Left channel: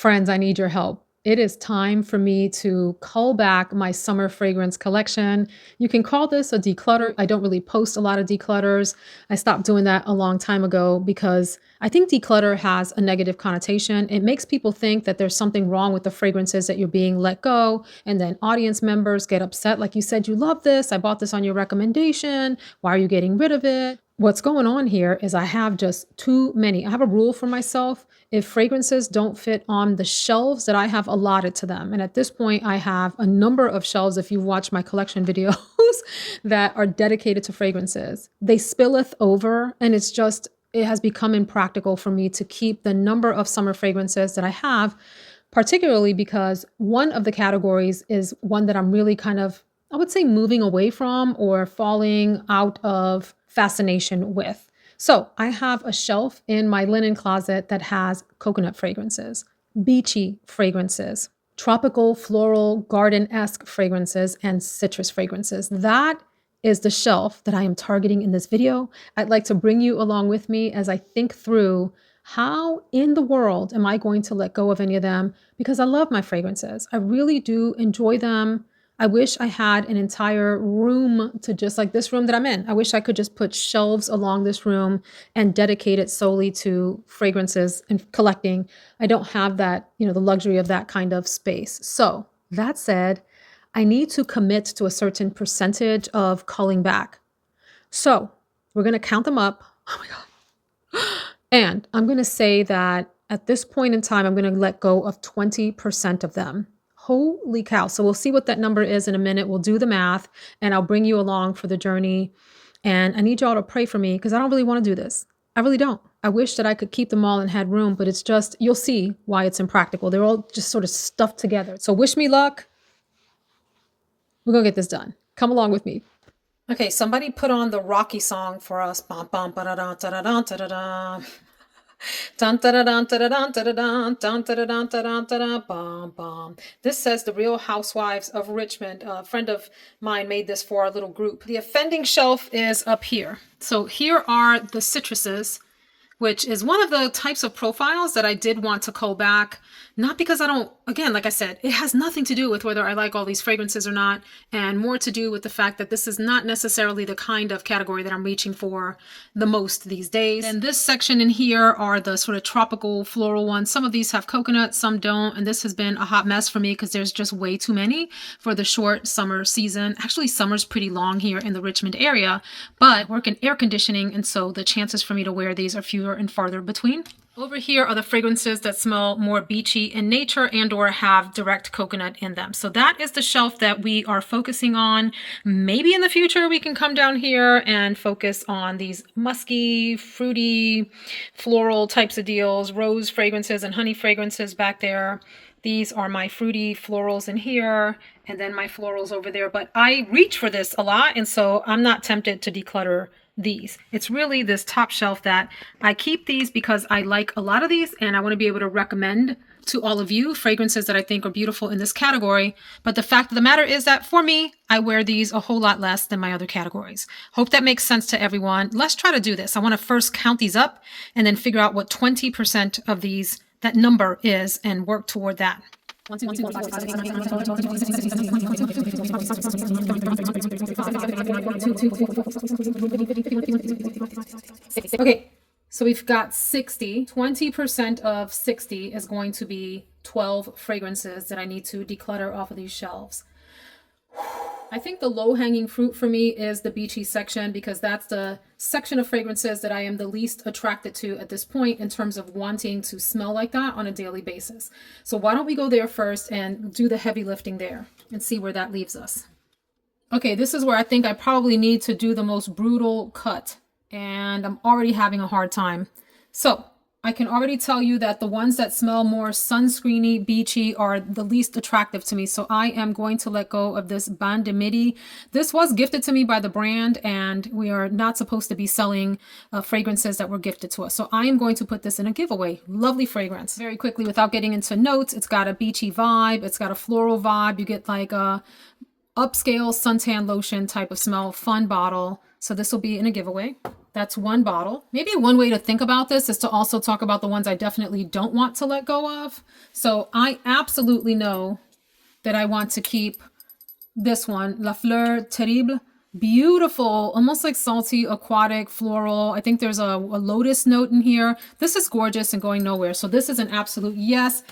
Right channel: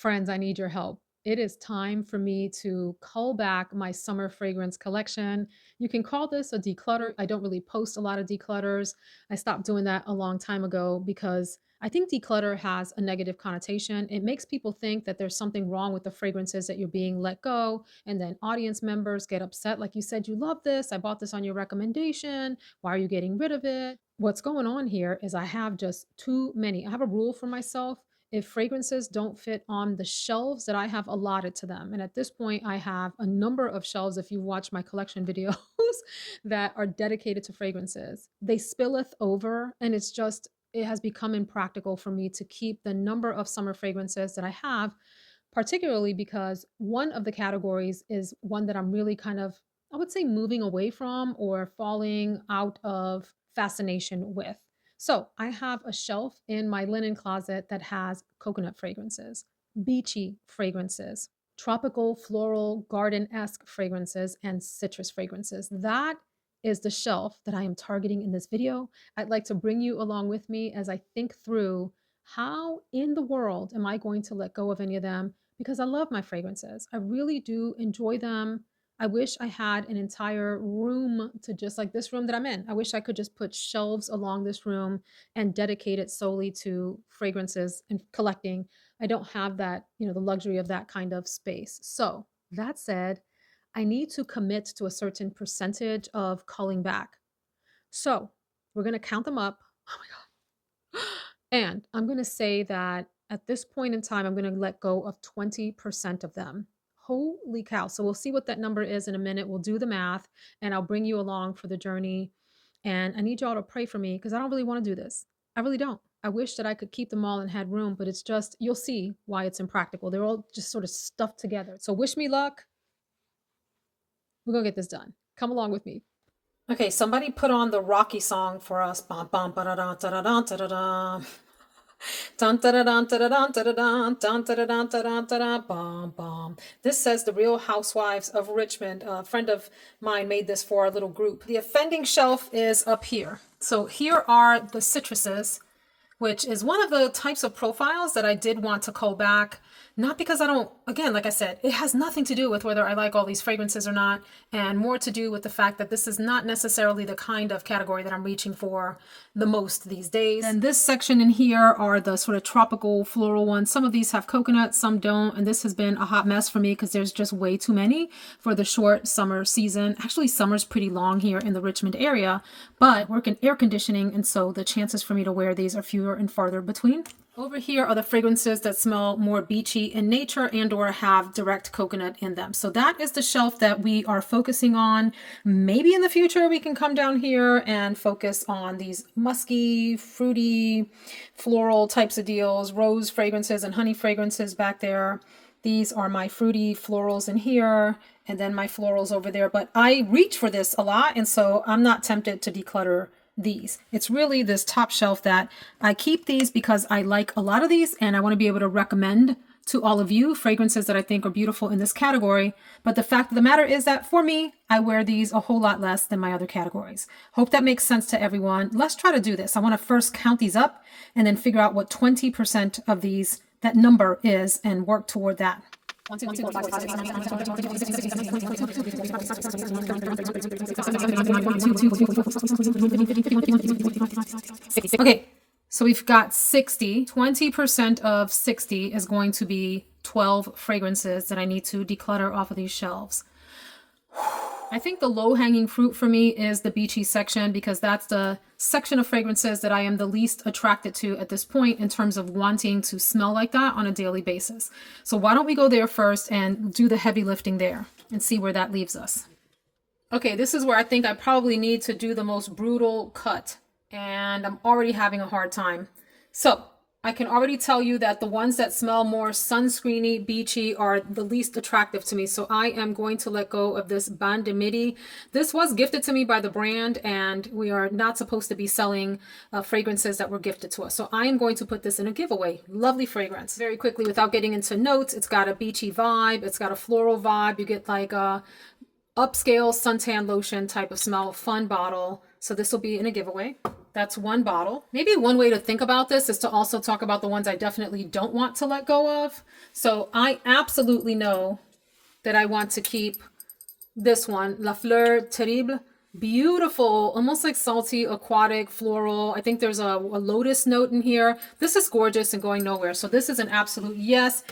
Friends, I need your help. It is time for me to cull back my summer fragrance collection. You can call this a declutter. I don't really post a lot of declutters. I stopped doing that a long time ago because I think declutter has a negative connotation. It makes people think that there's something wrong with the fragrances that you're being let go. And then audience members get upset. Like you said, you love this. I bought this on your recommendation. Why are you getting rid of it? What's going on here is I have just too many. I have a rule for myself. If fragrances don't fit on the shelves that I have allotted to them, and at this point, I have a number of shelves, if you've watched my collection videos, that are dedicated to fragrances. They spilleth over, and it has become impractical for me to keep the number of summer fragrances that I have, particularly because one of the categories is one that I'm really kind of, I would say, moving away from or falling out of fascination with. So I have a shelf in my linen closet that has coconut fragrances, beachy fragrances, tropical, floral, garden-esque fragrances, and citrus fragrances. That is the shelf that I am targeting in this video. I'd like to bring you along with me as I think through how in the world am I going to let go of any of them, because I love my fragrances. I really do enjoy them. I wish I had an entire room to, just like this room that I'm in. I wish I could just put shelves along this room and dedicate it solely to fragrances and collecting. I don't have that, the luxury of that kind of space. So that said, I need to commit to a certain percentage of culling back. So we're going to count them up. Oh my God. And I'm going to say that at this point in time, I'm going to let go of 20% of them. Holy cow. So we'll see what that number is in a minute. We'll do the math and I'll bring you along for the journey. And I need y'all to pray for me because I don't really want to do this. I really don't. I wish that I could keep them all and had room, but it's just, you'll see why it's impractical. They're all just sort of stuffed together. So wish me luck. We're going to get this done. Come along with me. Okay, somebody put on the Rocky song for us. Bum, bum, ba-da-da, da-da-da, da-da-da. Dun, da-da-dun, da-da-dun, da-da-dun, dun, da-da-dun, da-da-dun, da-da, bum, bum. This says The Real Housewives of Richmond. A friend of mine made this for our little group. The offending shelf is up here. So here are the citruses, which is one of the types of profiles that I did want to cull back. Not because I don't, again, like I said, it has nothing to do with whether I like all these fragrances or not, and more to do with the fact that this is not necessarily the kind of category that I'm reaching for the most these days. And this section in here are the sort of tropical floral ones. Some of these have coconut, some don't, and this has been a hot mess for me because there's just way too many for the short summer season. Actually, summer's pretty long here in the Richmond area, but I work in air conditioning, and so the chances for me to wear these are fewer and farther between. Over here are the fragrances that smell more beachy in nature and or have direct coconut in them. So that is the shelf that we are focusing on. Maybe in the future we can come down here and focus on these musky, fruity, floral types of deals, rose fragrances and honey fragrances back there. These are my fruity florals in here, and then my florals over there. But I reach for this a lot, and so I'm not tempted to declutter these. It's really this top shelf that I keep these because I like a lot of these and I want to be able to recommend to all of you fragrances that I think are beautiful in this category. But the fact of the matter is that for me, I wear these a whole lot less than my other categories. Hope that makes sense to everyone. Let's try to do this. I want to first count these up and then figure out what 20% of these, that number is, and work toward that. Okay, so we've got 60. 20% of 60 is going to be 12 fragrances that I need to declutter off of these shelves. I think the low-hanging fruit for me is the beachy section because that's the section of fragrances that I am the least attracted to at this point in terms of wanting to smell like that on a daily basis. So why don't we go there first and do the heavy lifting there and see where that leaves us. Okay, this is where I think I probably need to do the most brutal cut, and I'm already having a hard time. So I can already tell you that the ones that smell more sunscreeny, beachy are the least attractive to me. So I am going to let go of this Ban de Midi. This was gifted to me by the brand, and we are not supposed to be selling fragrances that were gifted to us. So I am going to put this in a giveaway. Lovely fragrance. Very quickly, without getting into notes, it's got a beachy vibe. It's got a floral vibe. You get like a upscale suntan lotion type of smell. Fun bottle. So this will be in a giveaway. That's one bottle. Maybe one way to think about this is to also talk about the ones I definitely don't want to let go of. So I absolutely know that I want to keep this one, La Fleur Terrible. Beautiful, almost like salty, aquatic, floral. I think there's a lotus note in here. This is gorgeous and going nowhere. So this is an absolute yes.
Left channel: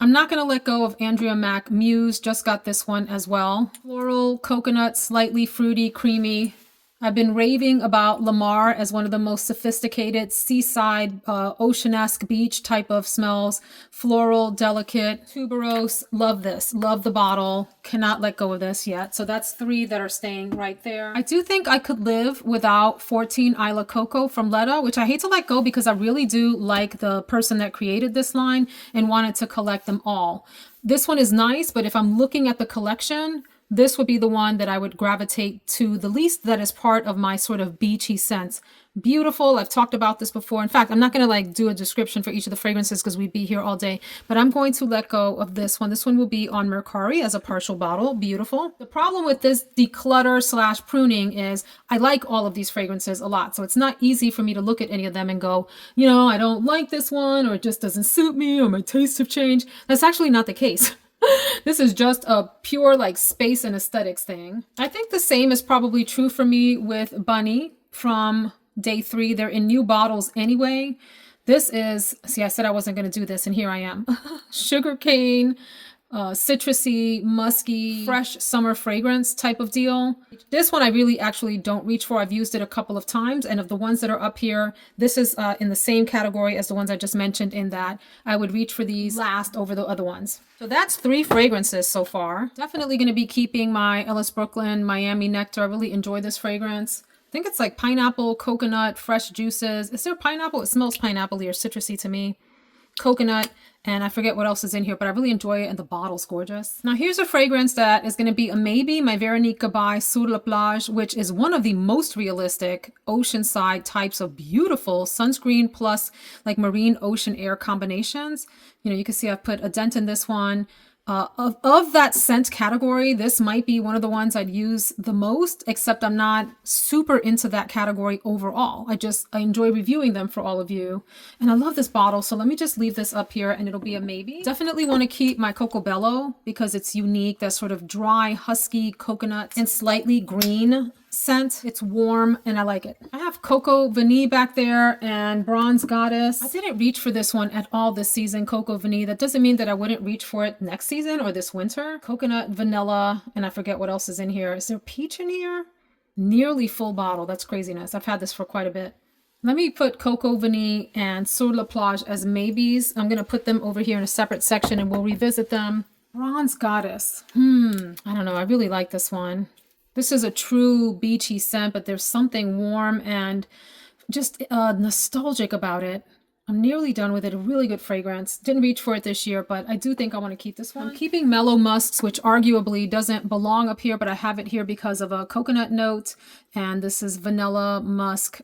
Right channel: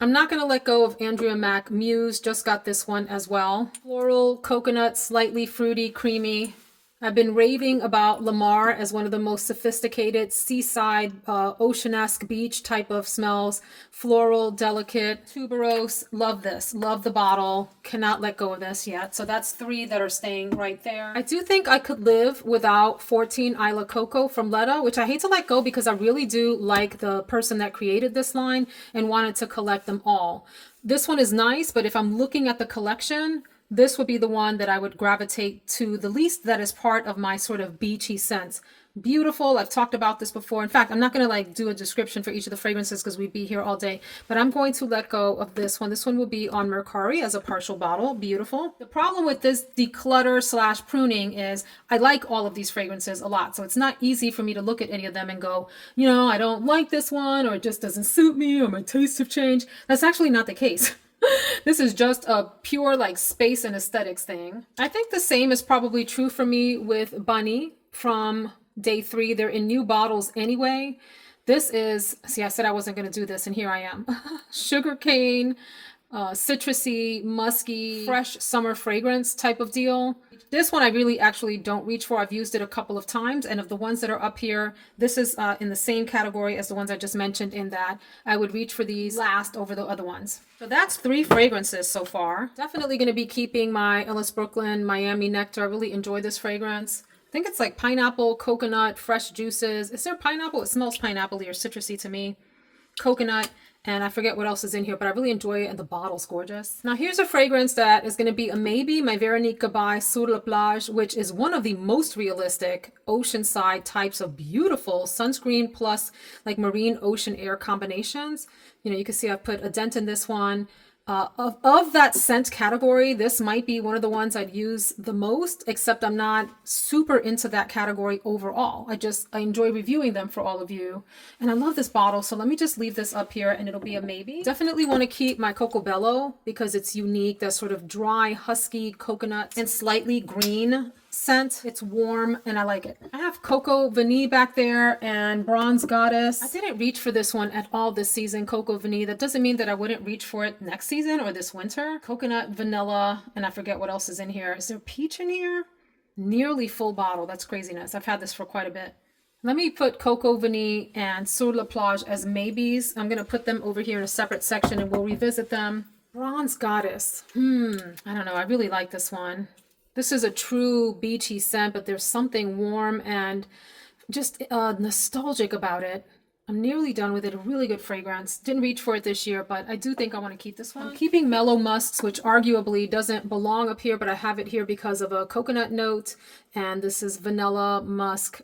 I'm not going to let go of Andrea Mac Muse. Just got this one as well. Floral, coconut, slightly fruity, creamy. I've been raving about Lamar as one of the most sophisticated seaside, oceanesque beach type of smells. Floral, delicate, tuberose. Love this. Love the bottle. Cannot let go of this yet. So that's 3 that are staying right there. I do think I could live without 14 Isla Coco from Letta, which I hate to let go because I really do like the person that created this line and wanted to collect them all. This one is nice, but if I'm looking at the collection, this would be the one that I would gravitate to the least, that is part of my sort of beachy scents. Beautiful. I've talked about this before. In fact, I'm not going to like do a description for each of the fragrances because we'd be here all day, but I'm going to let go of this one. This one will be on Mercari as a partial bottle. Beautiful. The problem with this declutter / pruning is I like all of these fragrances a lot. So it's not easy for me to look at any of them and go, you know, I don't like this one, or it just doesn't suit me, or my tastes have changed. That's actually not the case. This is just a pure like space and aesthetics thing. I think the same is probably true for me with Bunny from day 3. They're in new bottles anyway. This is, see, I said I wasn't going to do this and here I am. Sugarcane, citrusy, musky, fresh summer fragrance type of deal. This one I really actually don't reach for. I've used it a couple of times, and of the ones that are up here, this is in the same category as the ones I just mentioned, in that I would reach for these last over the other ones. So that's 3 fragrances so far. Definitely going to be keeping my Ellis Brooklyn Miami Nectar. I really enjoy this fragrance. I think it's like pineapple, coconut, fresh juices. Is there pineapple? It smells pineapple-y or citrusy to me. Coconut, and I forget what else is in here, but I really enjoy it, and the bottle's gorgeous. Now here's a fragrance that is going to be a maybe, my Veronique Gabai Sur la Plage, which is one of the most realistic oceanside types of beautiful sunscreen plus like marine ocean air combinations. You know, you can see I put a dent in this one. Of that scent category, this might be one of the ones I'd use the most, except I'm not super into that category overall. I enjoy reviewing them for all of you. And I love this bottle, so let me just leave this up here and it'll be a maybe. Definitely want to keep my Coco Bello because it's unique, that sort of dry, husky coconut and slightly green scent. It's warm and I like it. I have Coco Vanille back there and Bronze Goddess. I didn't reach for this one at all this season, Coco Vanille. That doesn't mean that I wouldn't reach for it next season or this winter. Coconut, vanilla, and I forget what else is in here. Is there peach in here? Nearly full bottle. That's craziness. I've had this for quite a bit. Let me put Coco Vanille and Sur la Plage as maybes. I'm going to put them over here in a separate section and we'll revisit them. Bronze Goddess. I don't know. I really like this one. This is a true beachy scent, but there's something warm and just nostalgic about it. I'm nearly done with it. A really good fragrance. Didn't reach for it this year, but I do think I want to keep this one. I'm keeping Mellow Musks, which arguably doesn't belong up here, but I have it here because of a coconut note. And this is vanilla musk,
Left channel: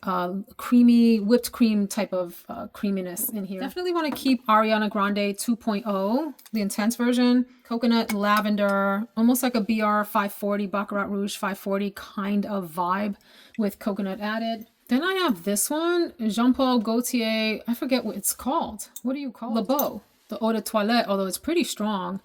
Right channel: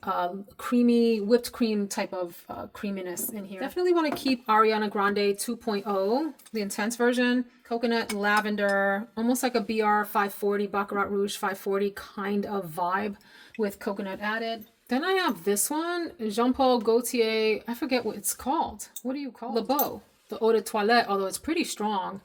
creamy, whipped cream type of creaminess in here. Definitely want to keep Ariana Grande 2.0, the intense version. Coconut, lavender, almost like a BR 540, Baccarat Rouge 540 kind of vibe with coconut added. Then I have this one, Jean-Paul Gaultier, I forget what it's called. What do you call it? Le Beau, the Eau de Toilette, although it's pretty strong.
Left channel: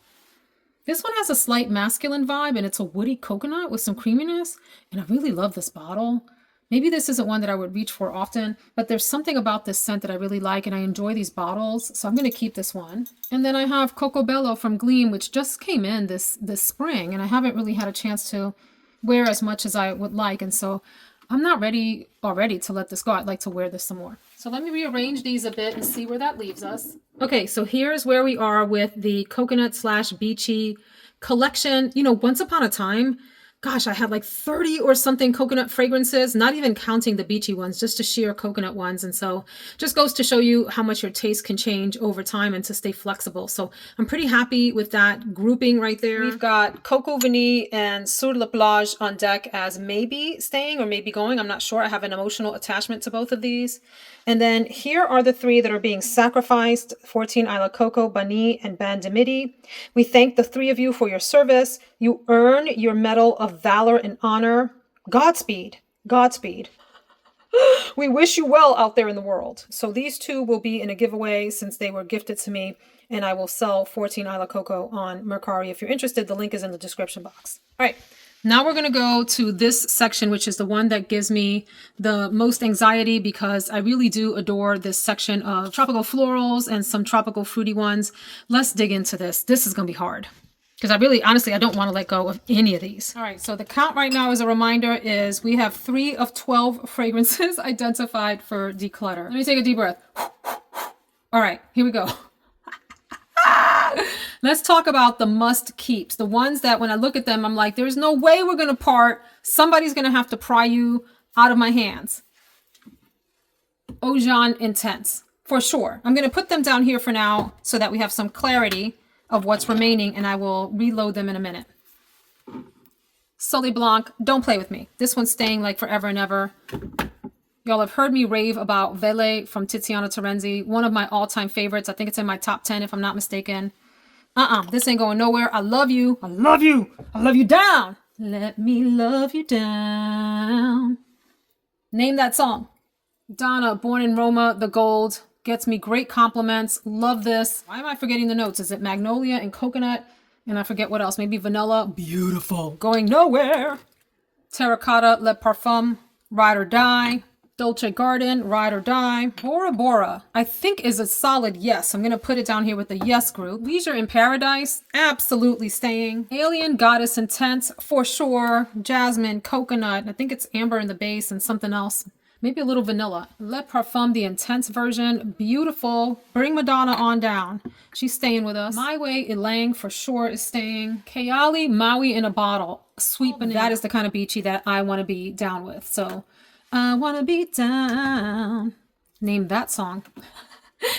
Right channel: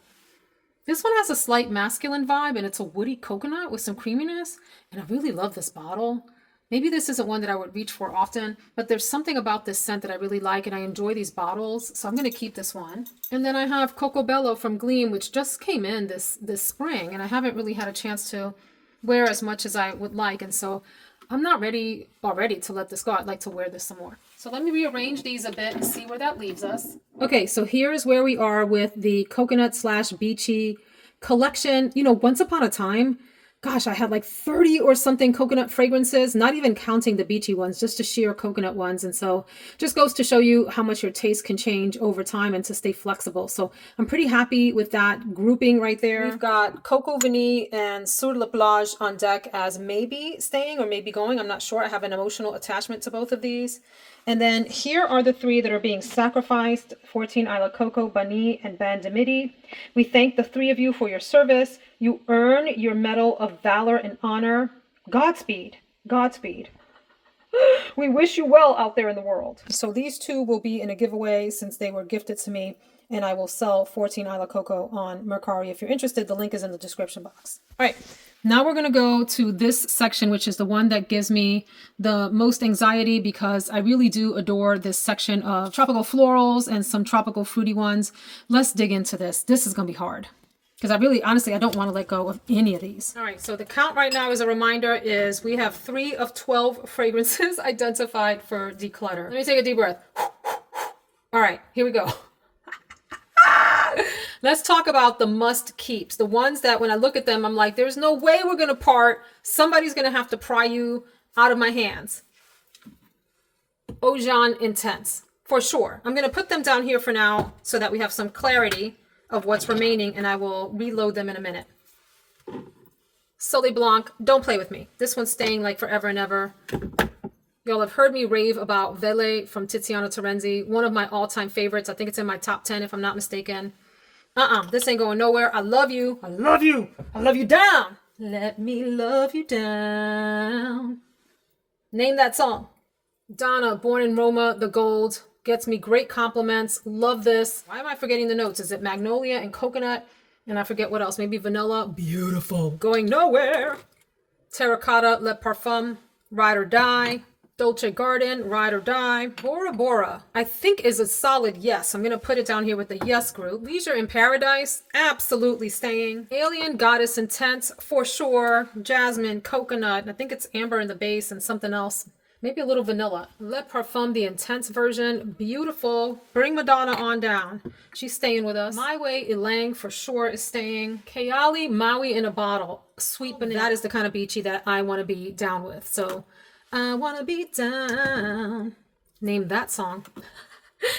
This one has a slight masculine vibe, and it's a woody coconut with some creaminess, and I really love this bottle. Maybe this isn't one that I would reach for often, but there's something about this scent that I really like, and I enjoy these bottles, so I'm going to keep this one. And then I have Coco Bello from Gleam, which just came in this spring, and I haven't really had a chance to wear as much as I would like, and so I'm not ready already to let this go. I'd like to wear this some more. So let me rearrange these a bit and see where that leaves us. Okay, so here's where we are with the coconut / beachy collection. You know, once upon a time, gosh, I had like 30 or something coconut fragrances, not even counting the beachy ones, just the sheer coconut ones. And so just goes to show you how much your taste can change over time and to stay flexible. So I'm pretty happy with that grouping right there. We've got Coco Vanille and Sur la Plage on deck as maybe staying or maybe going. I'm not sure. I have an emotional attachment to both of these. And then here are the 3 that are being sacrificed, 14 Isla Coco, Bani, and Ban de Midi. We thank the 3 of you for your service. You earn your Medal of Valor and Honor. Godspeed. Godspeed. We wish you well out there in the world. So these two will be in a giveaway since they were gifted to me, and I will sell 14 Isla Coco on Mercari. If you're interested, the link is in the description box. All right, now we're gonna go to this section, which is the one that gives me the most anxiety because I really do adore this section of tropical florals and some tropical fruity ones. Let's dig into this. This is gonna be hard, because I really, honestly, I don't want to let go of any of these. All right, so the count right now, as a reminder, is we have 3 of 12 fragrances identified for declutter. Let me take a deep breath. All right, here we go. Let's talk about the must keeps. The ones that when I look at them, I'm like, there's no way we're going to part. Somebody's going to have to pry you out of my hands. Ojan Intense, for sure. I'm going to put them down here for now so that we have some clarity of what's remaining, and I will reload them in a minute. Soleil Blanc, don't play with me. This one's staying like forever and ever. Y'all have heard me rave about Vele from Tiziana Terenzi, one of my all-time favorites. I think it's in my top 10 if I'm not mistaken. This ain't going nowhere. I love you. I love you. I love you down. Let me love you down. Name that song. Donna, Born in Roma, The Gold. Gets me great compliments. Love this. Why am I forgetting the notes? Is it magnolia and coconut? And I forget what else. Maybe vanilla. Beautiful. Going nowhere. Terracotta, Le Parfum, Ride or Die. Dolce Garden, Ride or Die. Bora Bora, I think is a solid yes. I'm going to put it down here with the yes group. Leisure in Paradise, absolutely staying. Alien Goddess Intense, for sure. Jasmine, Coconut, I think it's amber in the base and something else. Maybe a little vanilla. Le Parfum, the intense version. Beautiful. Bring Madonna on down. She's staying with us. My Way, Ilang, for sure is staying. Kayali, Maui in a Bottle. Sweet banana. That is the kind of beachy that I want to be down with. So, I want to be down. Name that song.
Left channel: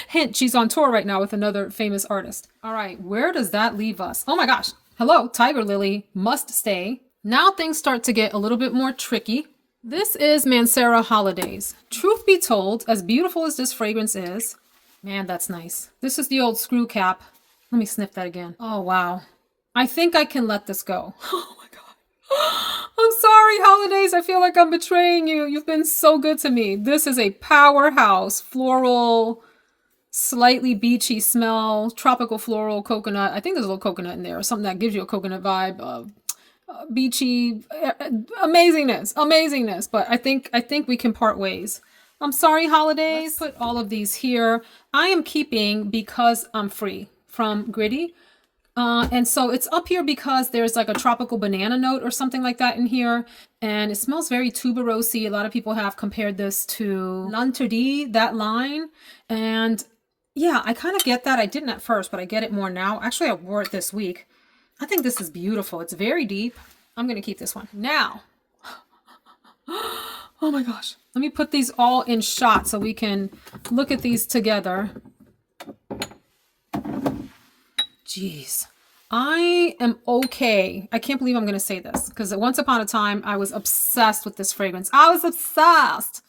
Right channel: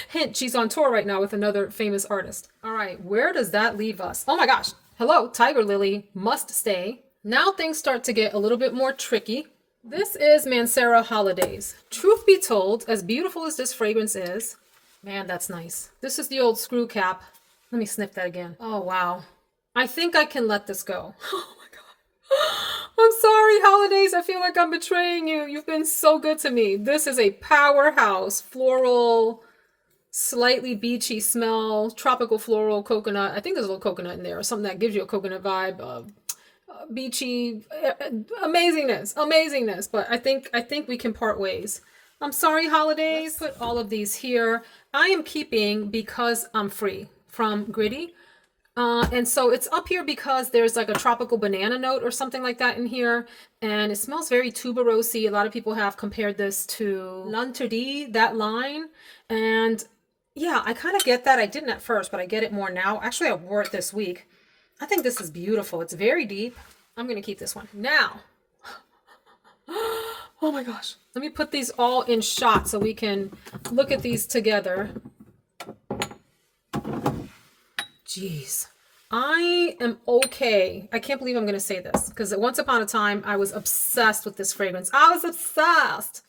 Hint, she's on tour right now with another famous artist. All right, where does that leave us? Oh my gosh. Hello, Tiger Lily, must stay. Now things start to get a little bit more tricky. This is Mancera Holidays. Truth be told, as beautiful as this fragrance is, man, that's nice. This is the old screw cap. Let me sniff that again. Oh, wow. I think I can let this go. Oh my God. I'm sorry, Holidays. I feel like I'm betraying you. You've been so good to me. This is a powerhouse, floral, slightly beachy smell, tropical floral, coconut. I think there's a little coconut in there, or something that gives you a coconut vibe. Beachy, amazingness. But I think we can part ways. I'm sorry, Holidays. Let's put all of these here. I am keeping Because I'm Free from Gritty. And so it's up here because there's like a tropical banana note or something like that in here. And it smells very tuberosy. A lot of people have compared this to L'Interdit, that line. And yeah, I kind of get that. I didn't at first, but I get it more now. Actually, I wore it this week. I think this is beautiful. It's very deep. I'm going to keep this one. Now, oh my gosh. Let me put these all in shots so we can look at these together. Jeez. I am okay. I can't believe I'm going to say this because once upon a time, I was obsessed with this fragrance. I was obsessed.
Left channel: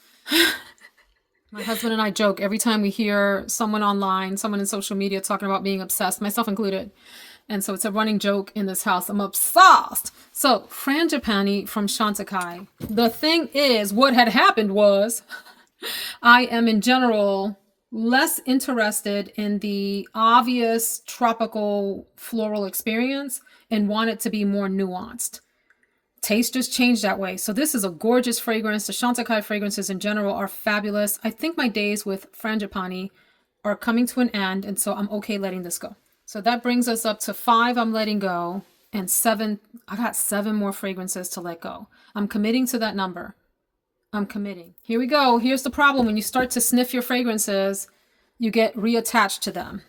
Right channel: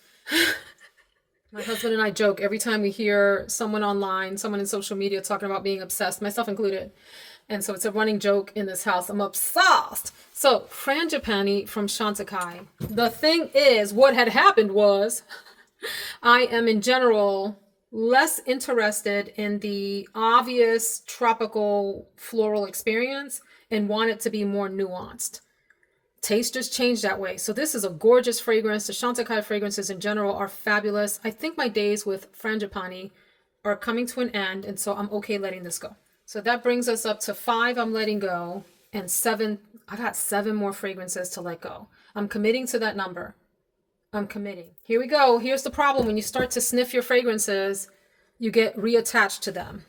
My husband and I joke every time we hear someone online, someone in social media talking about being obsessed, myself included. And so it's a running joke in this house. I'm obsessed. So Frangipani from Chantecaille. The thing is, what had happened was I am in general less interested in the obvious tropical floral experience and want it to be more nuanced. Taste just changed that way. So this is a gorgeous fragrance. The Chantecaille fragrances in general are fabulous. I think my days with Frangipani are coming to an end, and so I'm okay letting this go. So that brings us up to 5 I'm letting go, and 7, I got 7 more fragrances to let go. I'm committing to that number. I'm committing. Here we go. Here's the problem. When you start to sniff your fragrances, you get reattached to them.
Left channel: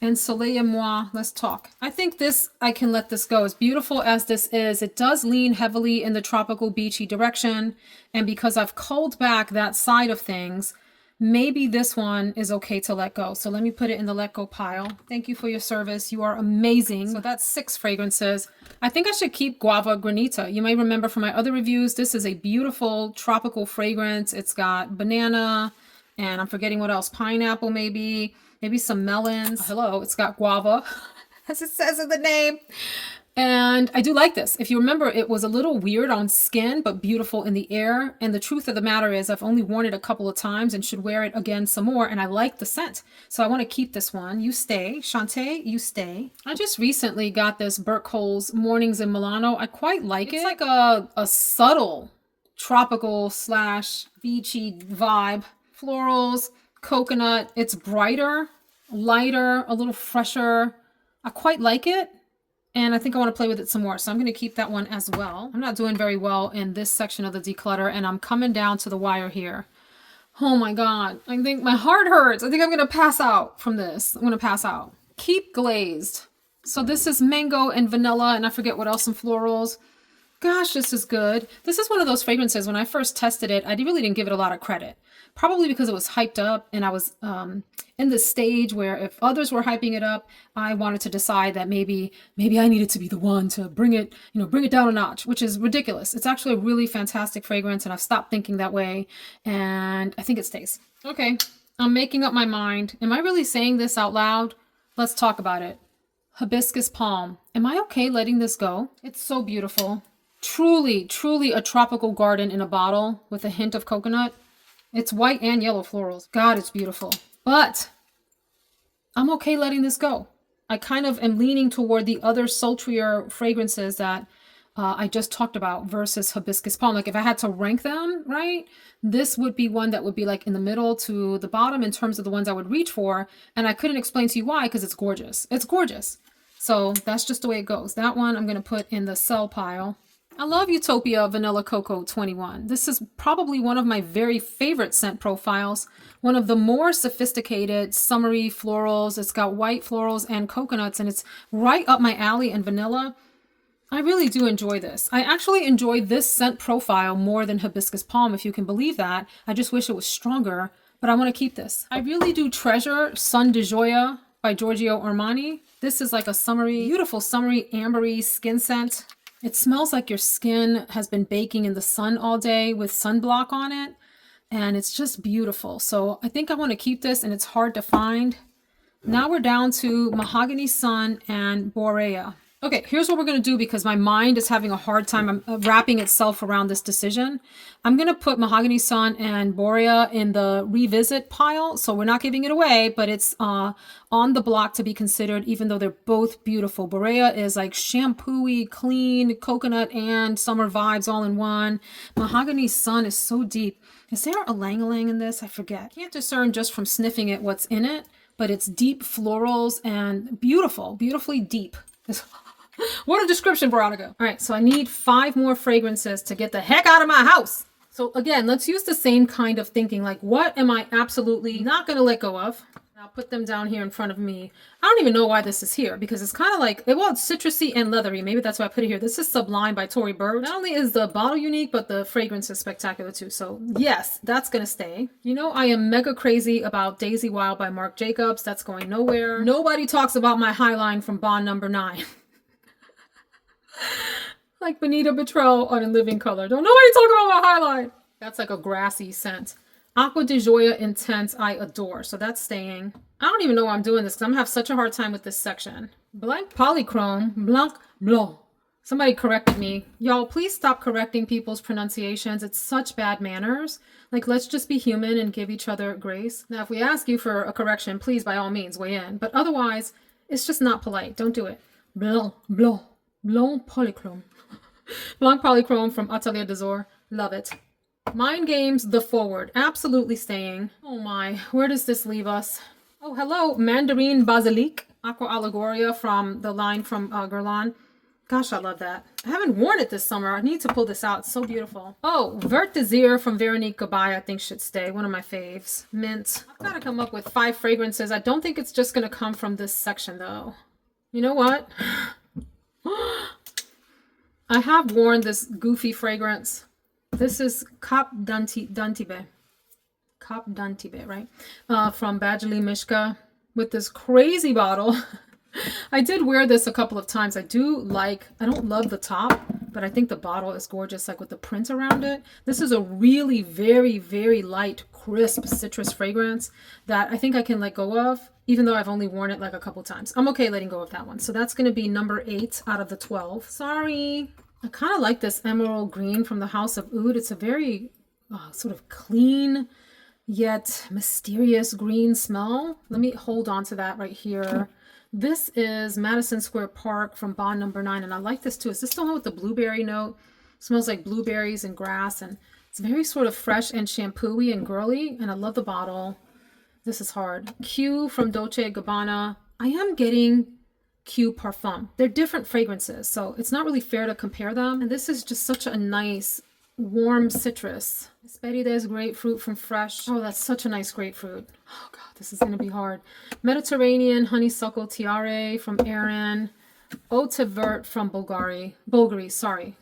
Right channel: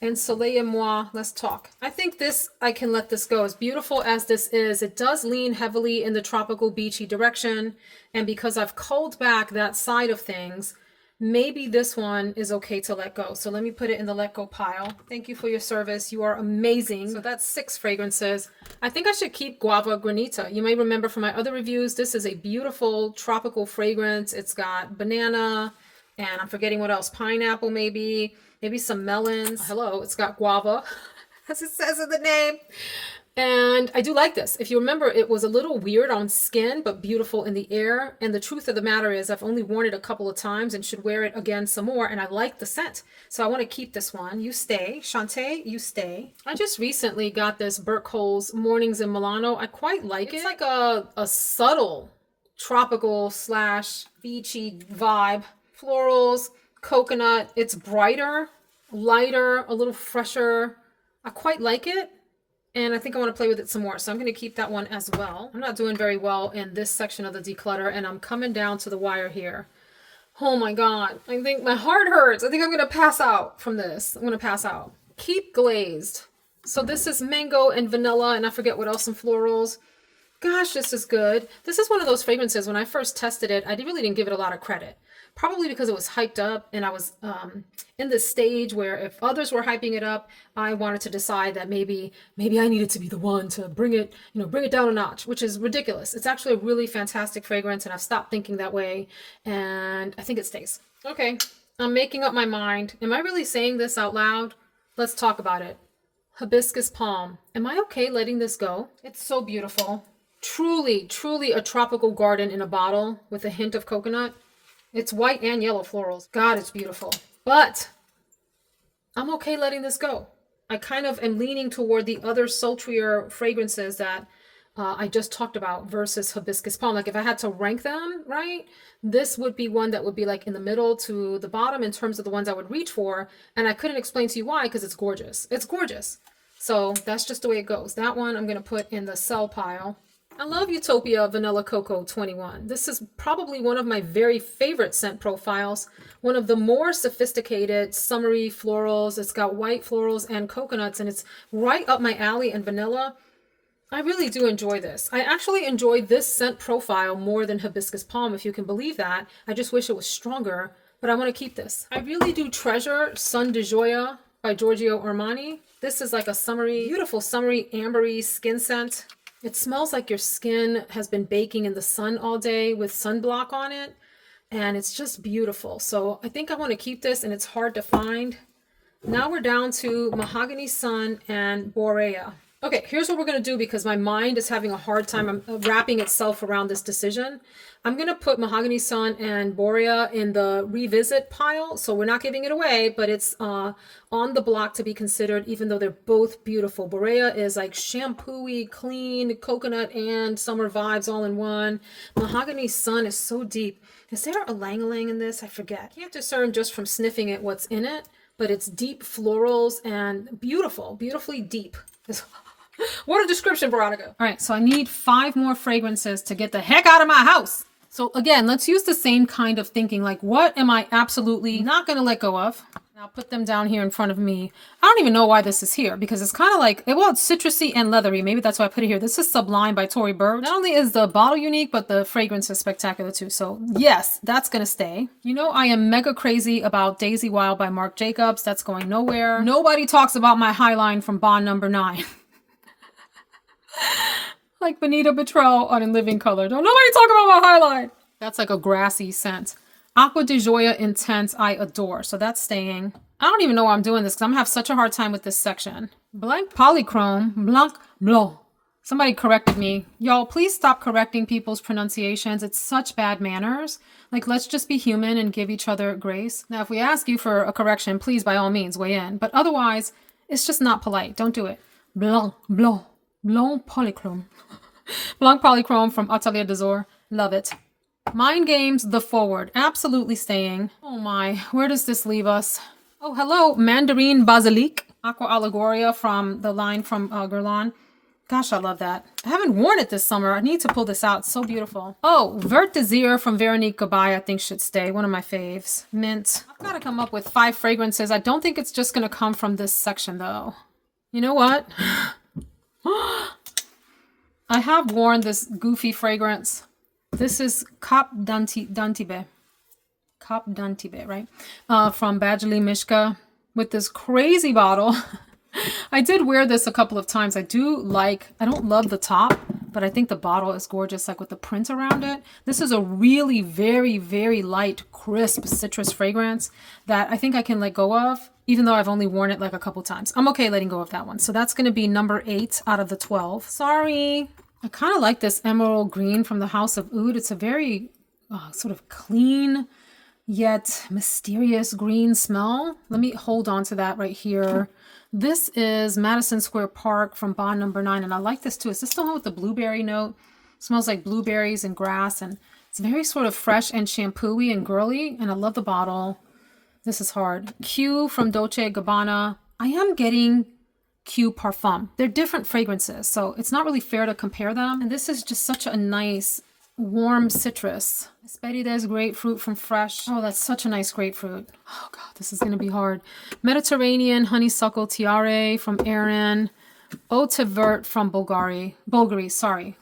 And Soleil et Moi, let's talk. I think this, I can let this go. As beautiful as this is, it does lean heavily in the tropical beachy direction. And because I've culled back that side of things, maybe this one is okay to let go. So let me put it in the let go pile. Thank you for your service. You are amazing. So that's 6 fragrances. I think I should keep Guava Granita. You may remember from my other reviews, this is a beautiful tropical fragrance. It's got banana, and I'm forgetting what else. Pineapple, maybe some melons. Hello, it's got guava, as it says in the name. And I do like this. If you remember, it was a little weird on skin, but beautiful in the air. And the truth of the matter is I've only worn it a couple of times and should wear it again some more. And I like the scent. So I want to keep this one. You stay. Shantae, you stay. I just recently got this Burke Cole's Mornings in Milano. I quite like it. It's like a subtle tropical slash beachy vibe. Florals, coconut. It's brighter, lighter, a little fresher. I quite like it. And I think I want to play with it some more. So I'm going to keep that one as well. I'm not doing very well in this section of the declutter. And I'm coming down to the wire here. Oh my God. I think my heart hurts. I think I'm going to pass out from this. I'm going to pass out. Keep glazed. So this is mango and vanilla. And I forget what else, some florals. Gosh, this is good. This is one of those fragrances. When I first tested it, I really didn't give it a lot of credit. Probably because it was hyped up and I was in this stage where if others were hyping it up, I wanted to decide that maybe I needed to be the one to bring it down a notch, which is ridiculous. It's actually a really fantastic fragrance and I've stopped thinking that way and I think it stays. Okay, I'm making up my mind. Am I really saying this out loud? Let's talk about it. Hibiscus palm. Am I okay letting this go? It's so beautiful. Truly, truly a tropical garden in a bottle with a hint of coconut. It's white and yellow florals. God, it's beautiful. But I'm okay letting this go. I kind of am leaning toward the other sultrier fragrances that I just talked about versus hibiscus palm. Like if I had to rank them, right, this would be one that would be like in the middle to the bottom in terms of the ones I would reach for. And I couldn't explain to you why, because it's gorgeous. It's gorgeous. So that's just the way it goes. That one I'm going to put in the sell pile. I love Utopia Vanilla Cocoa 21. This is probably one of my very favorite scent profiles. One of the more sophisticated summery florals. It's got white florals and coconuts and it's right up my alley in vanilla. I really do enjoy this. I actually enjoy this scent profile more than hibiscus palm, if you can believe that. I just wish it was stronger, but I want to keep this. I really do treasure Sun de Joya by Giorgio Armani. This is like a summery, beautiful summery ambery skin scent. It smells like your skin has been baking in the sun all day with sunblock on it. And it's just beautiful. So I think I want to keep this and it's hard to find. Now we're down to Mahogany Sun and Borea. Okay, here's what we're going to do because my mind is having a hard time wrapping itself around this decision. I'm going to put Mahogany Sun and Borea in the revisit pile. So we're not giving it away, but it's on the block to be considered, even though they're both beautiful. Borea is like shampoo-y, clean, coconut and summer vibes all in one. Mahogany Sun is so deep. Is there a lang-a-lang in this? I forget. Can't discern just from sniffing it what's in it, but it's deep florals and beautiful, beautifully deep. What a description, Veronica. All right, so I need 5 more fragrances to get the heck out of my house. So again, let's use the same kind of thinking. Like, what am I absolutely not going to let go of? I'll put them down here in front of me. I don't even know why this is here because it's kind of like, well, it's citrusy and leathery. Maybe that's why I put it here. This is Sublime by Tory Burch. Not only is the bottle unique, but the fragrance is spectacular too. So yes, that's going to stay. You know, I am mega crazy about Daisy Wild by Marc Jacobs. That's going nowhere. Nobody talks about my Highline from Bond Number 9. Like Benita Betrell on In Living Color. Don't nobody talk about my Highline. That's like a grassy scent. Aqua di Gioia Intense, I adore. So that's staying. I don't even know why I'm doing this because I'm gonna have such a hard time with this section. Blanc Polychrome, Blanc Blanc. Somebody corrected me. Y'all, please stop correcting people's pronunciations. It's such bad manners. Like, let's just be human and give each other grace. Now, if we ask you for a correction, please, by all means, weigh in. But otherwise, it's just not polite. Don't do it. Blanc Blanc. Blanc Polychrome. Blanc Polychrome from Atelier des Ors. Love it. Mind Games, The Forward. Absolutely staying. Oh my, where does this leave us? Oh, hello. Mandarin Basilic. Aqua Allegoria from the line from Guerlain. Gosh, I love that. I haven't worn it this summer. I need to pull this out. It's so beautiful. Oh, Vert Désir from Veronique Gabai, I think should stay. One of my faves. Mint. I've got to come up with 5 fragrances. I don't think it's just going to come from this section, though. You know what? I have worn this goofy fragrance. This is Cap d'Antibes. Cap d'Antibes, right? From Badgley Mishka with this crazy bottle. I did wear this a couple of times. I don't love the top, but I think the bottle is gorgeous, like with the print around it. This is a really very, very light, crisp citrus fragrance that I think I can let go of. even though I've only worn it like a couple times. I'm okay letting go of that one. So that's going to be number 8 out of the 12. Sorry. I kind of like this emerald green from the House of Oud. It's a very sort of clean yet mysterious green smell. Let me hold on to that right here. This is Madison Square Park from Bond number 9. And I like this too. Is this the one with the blueberry note? It smells like blueberries and grass. And it's very sort of fresh and shampoo-y and girly. And I love the bottle. This is hard. Q from Dolce & Gabbana. I am getting Q Parfum. They're different fragrances, so it's not really fair to compare them. And this is just such a nice, warm citrus. Hesperides grapefruit from Fresh. Oh, that's such a nice grapefruit. Oh God, this is going to be hard. Mediterranean honeysuckle tiare from Erin. Eau de Vert from Bulgari. Sorry,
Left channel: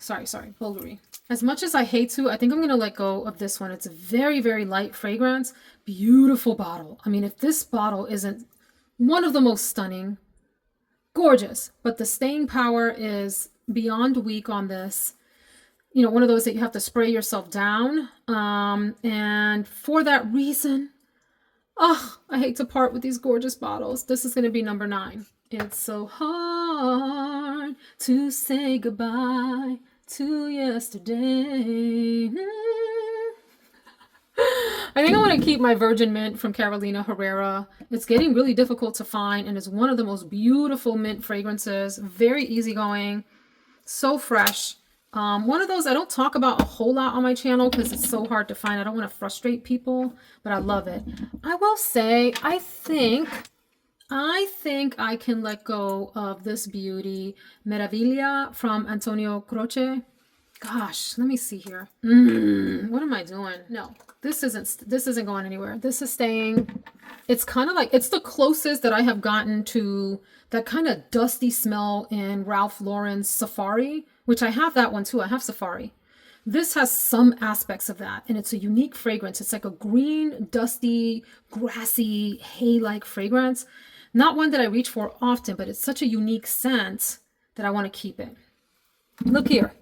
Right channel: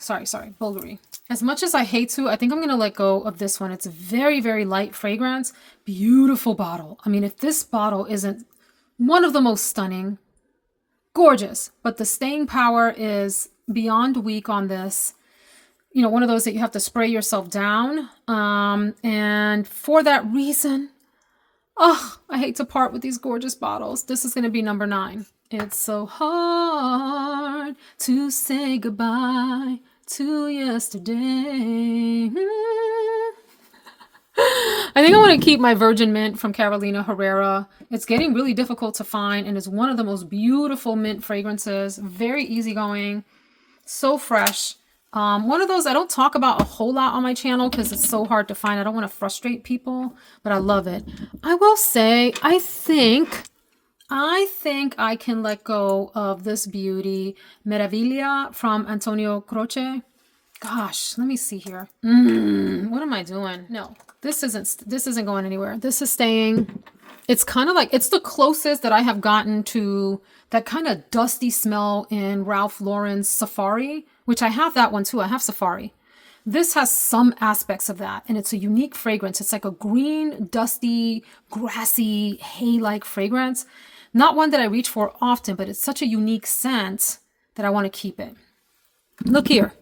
Bulgari. As much as I hate to, I think I'm going to let go of this one. It's a very, very light fragrance. Beautiful bottle. I mean, if this bottle isn't one of the most stunning, gorgeous, but the staying power is beyond weak on this. You know, one of those that you have to spray yourself down. And for that reason, oh, I hate to part with these gorgeous bottles. This is going to be number 9. It's so hard to say goodbye to yesterday. I think I want to keep my Virgin Mint from Carolina Herrera. It's getting really difficult to find, and it's one of the most beautiful mint fragrances. Very easygoing, so fresh. One of those I don't talk about a whole lot on my channel because it's so hard to find. I don't want to frustrate people, but I love it. I will say, I think I can let go of this beauty, Meraviglia from Antonio Croce. Gosh, let me see here. What am I doing? No, this isn't going anywhere. This is staying. It's kind of like, it's the closest that I have gotten to that kind of dusty smell in Ralph Lauren's Safari, which I have that one too. I have Safari. This has some aspects of that, and it's a unique fragrance. It's like a green, dusty, grassy, hay-like fragrance. Not one that I reach for often, but it's such a unique scent that I want to keep it. Look here.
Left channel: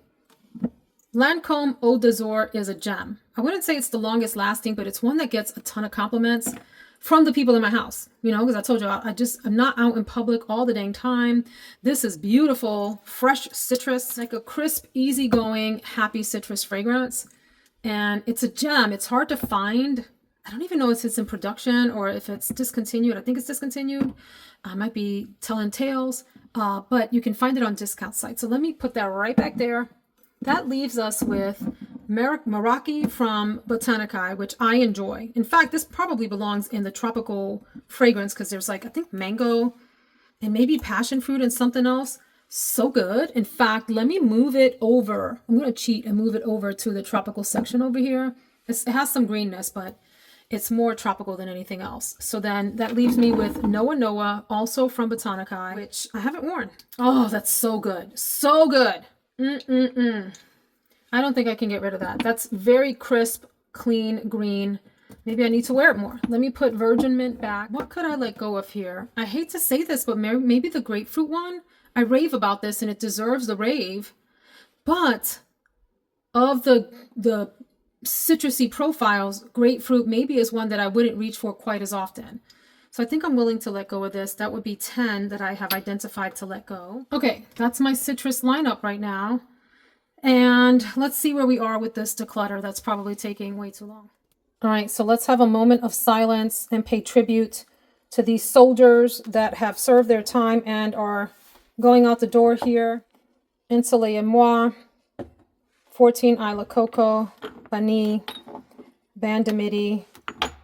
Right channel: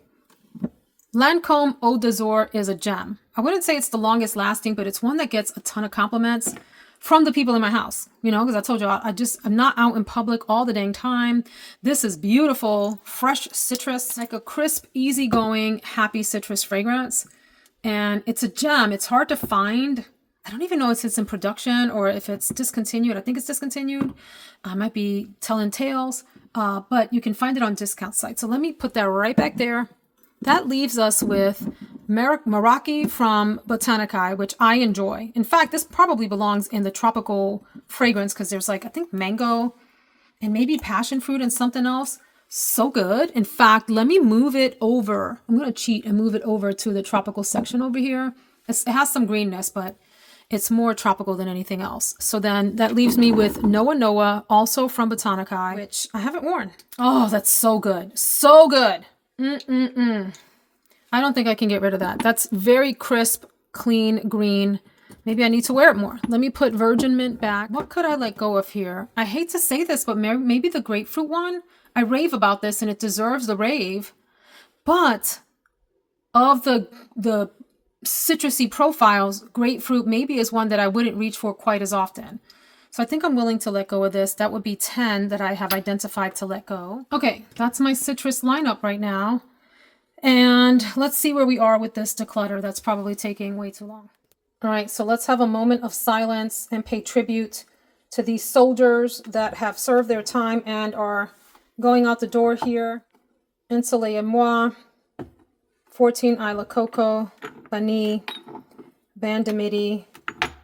Lancome Eau d'Azur is a gem. I wouldn't say it's the longest lasting, but it's one that gets a ton of compliments from the people in my house. You know, because I told you, I'm not out in public all the dang time. This is beautiful, fresh citrus, like a crisp, easygoing, happy citrus fragrance. And it's a gem. It's hard to find. I don't even know if it's in production or if it's discontinued. I think it's discontinued. I might be telling tales, but you can find it on discount sites. So let me put that right back there. That leaves us with Meraki from Botanicae, which I enjoy. In fact, this probably belongs in the tropical fragrance because there's like, I think mango and maybe passion fruit and something else. So good. In fact, let me move it over. I'm going to cheat and move it over to the tropical section over here. It has some greenness, but it's more tropical than anything else. So then that leaves me with Noa Noa, also from Botanicae, which I haven't worn. Oh, that's so good. So good. I don't think I can get rid of that. That's very crisp, clean, green. Maybe I need to wear it more. Let me put Virgin Mint back. What could I let go of here? I hate to say this, but maybe the grapefruit one. I rave about this and it deserves the rave. But of the citrusy profiles, grapefruit maybe is one that I wouldn't reach for quite as often. So I think I'm willing to let go of this. That would be 10 that I have identified to let go. Okay, that's my citrus lineup right now. And let's see where we are with this declutter. That's probably taking way too long. All right, so let's have a moment of silence and pay tribute to these soldiers that have served their time and are going out the door here. Un Soleil et Moi, 14 Isla Coco, Bani, Bandamidi,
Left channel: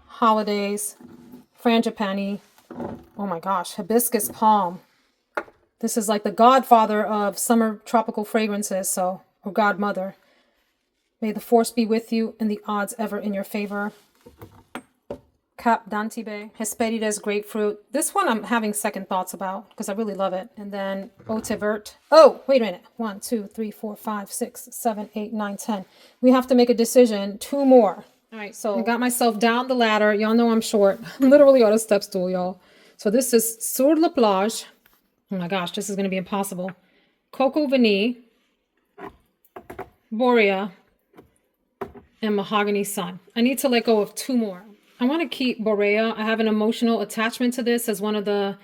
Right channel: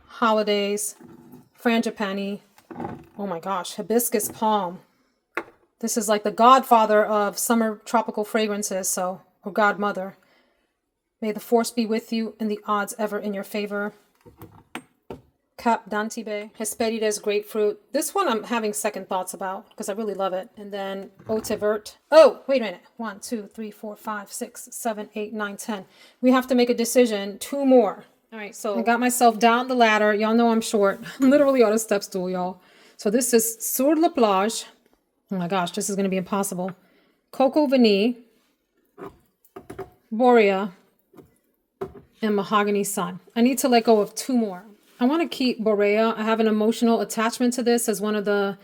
Holidays, Frangipani. Oh my gosh, Hibiscus Palm. This is like the godfather of summer tropical fragrances, so, or godmother. May the force be with you and the odds ever in your favor. Cap d'Antibes, Hesperides Grapefruit. This one I'm having second thoughts about because I really love it. And then Eau de Vert. Oh, wait a minute. 1, 2, 3, 4, 5, 6, 7, 8, 9, 10. We have to make a decision. 2 more. All right, so I got myself down the ladder. Y'all know I'm short. I'm literally on a step stool, y'all. So this is Sur la Plage. Oh my gosh, this is going to be impossible. Coco Vanille, Borea, and Mahogany Sun. I need to let go of 2 more. I want to keep Borea. I have an emotional attachment to this as one of the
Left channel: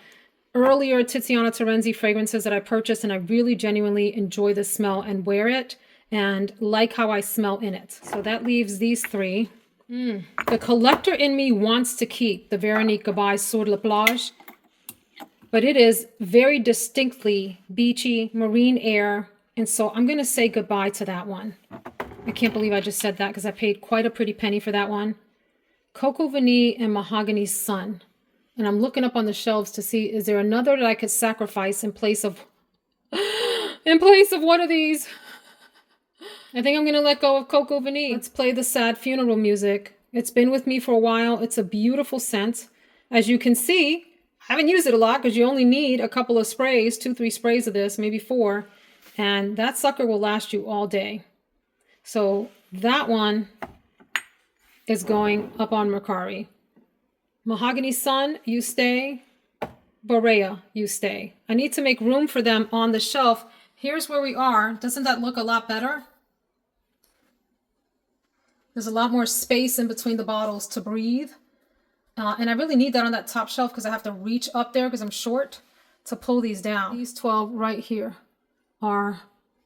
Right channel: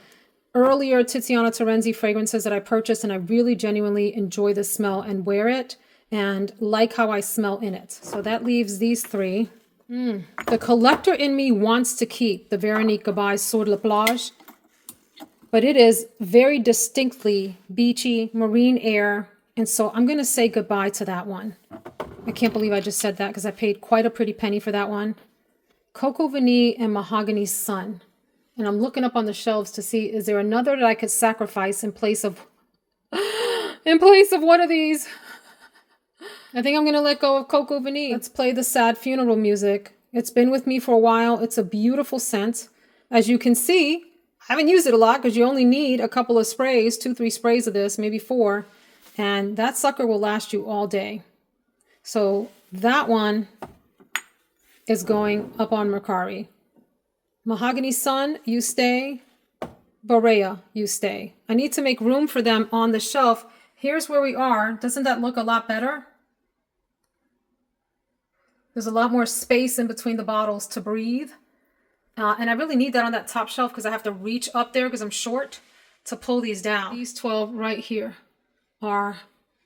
earlier Tiziana Terenzi fragrances that I purchased, and I really genuinely enjoy the smell and wear it and like how I smell in it. So that leaves these three. The collector in me wants to keep the Veronique Gabai Sur la Plage, but it is very distinctly beachy, marine air, and so I'm going to say goodbye to that one. I can't believe I just said that because I paid quite a pretty penny for that one. Cocoa Vanille and Mahogany Sun. And I'm looking up on the shelves to see, is there another that I could sacrifice in place of one of these? I think I'm going to let go of Cocoa Vanille. Let's play the sad funeral music. It's been with me for a while. It's a beautiful scent. As you can see, I haven't used it a lot because you only need a couple of sprays, 2-3 sprays of this, maybe 4. And that sucker will last you all day. So that one is going up on Mercari. Mahogany Sun, you stay. Borea, you stay. I need to make room for them on the shelf. Here's where we are. Doesn't that look a lot better? There's a lot more space in between the bottles to breathe. And I really need that on that top shelf because I have to reach up there because I'm short to pull these down. These 12 right here are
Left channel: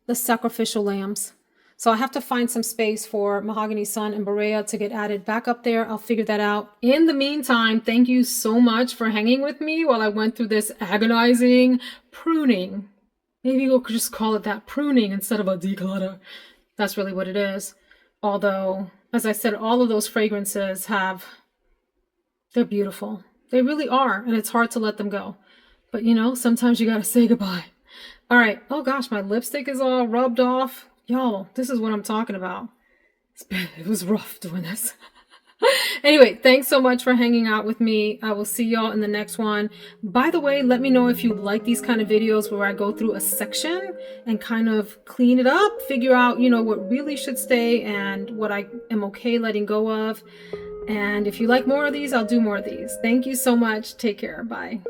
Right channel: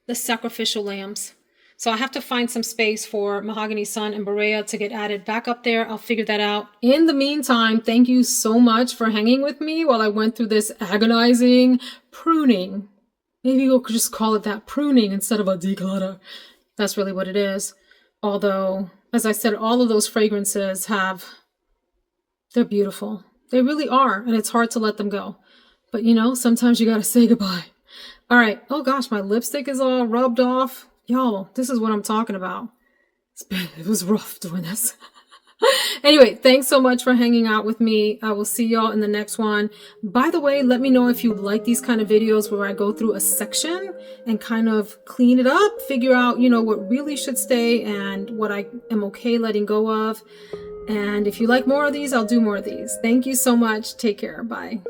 the sacrificial lambs. So I have to find some space for Mahogany Sun and Borea to get added back up there. I'll figure that out. In the meantime, thank you so much for hanging with me while I went through this agonizing pruning. Maybe we'll just call it that, pruning, instead of a declutter. That's really what it is. Although, as I said, all of those fragrances they're beautiful. They really are, and it's hard to let them go. But you know, sometimes you gotta say goodbye. All right. Oh gosh, my lipstick is all rubbed off. Y'all, this is what I'm talking about. It was rough doing this. Anyway, thanks so much for hanging out with me. I will see y'all in the next one. By the way, let me know if you like these kind of videos where I go through a section and kind of clean it up, figure out, you know, what really should stay and what I am okay letting go of. And if you like more of these, I'll do more of these. Thank you so much. Take care. Bye.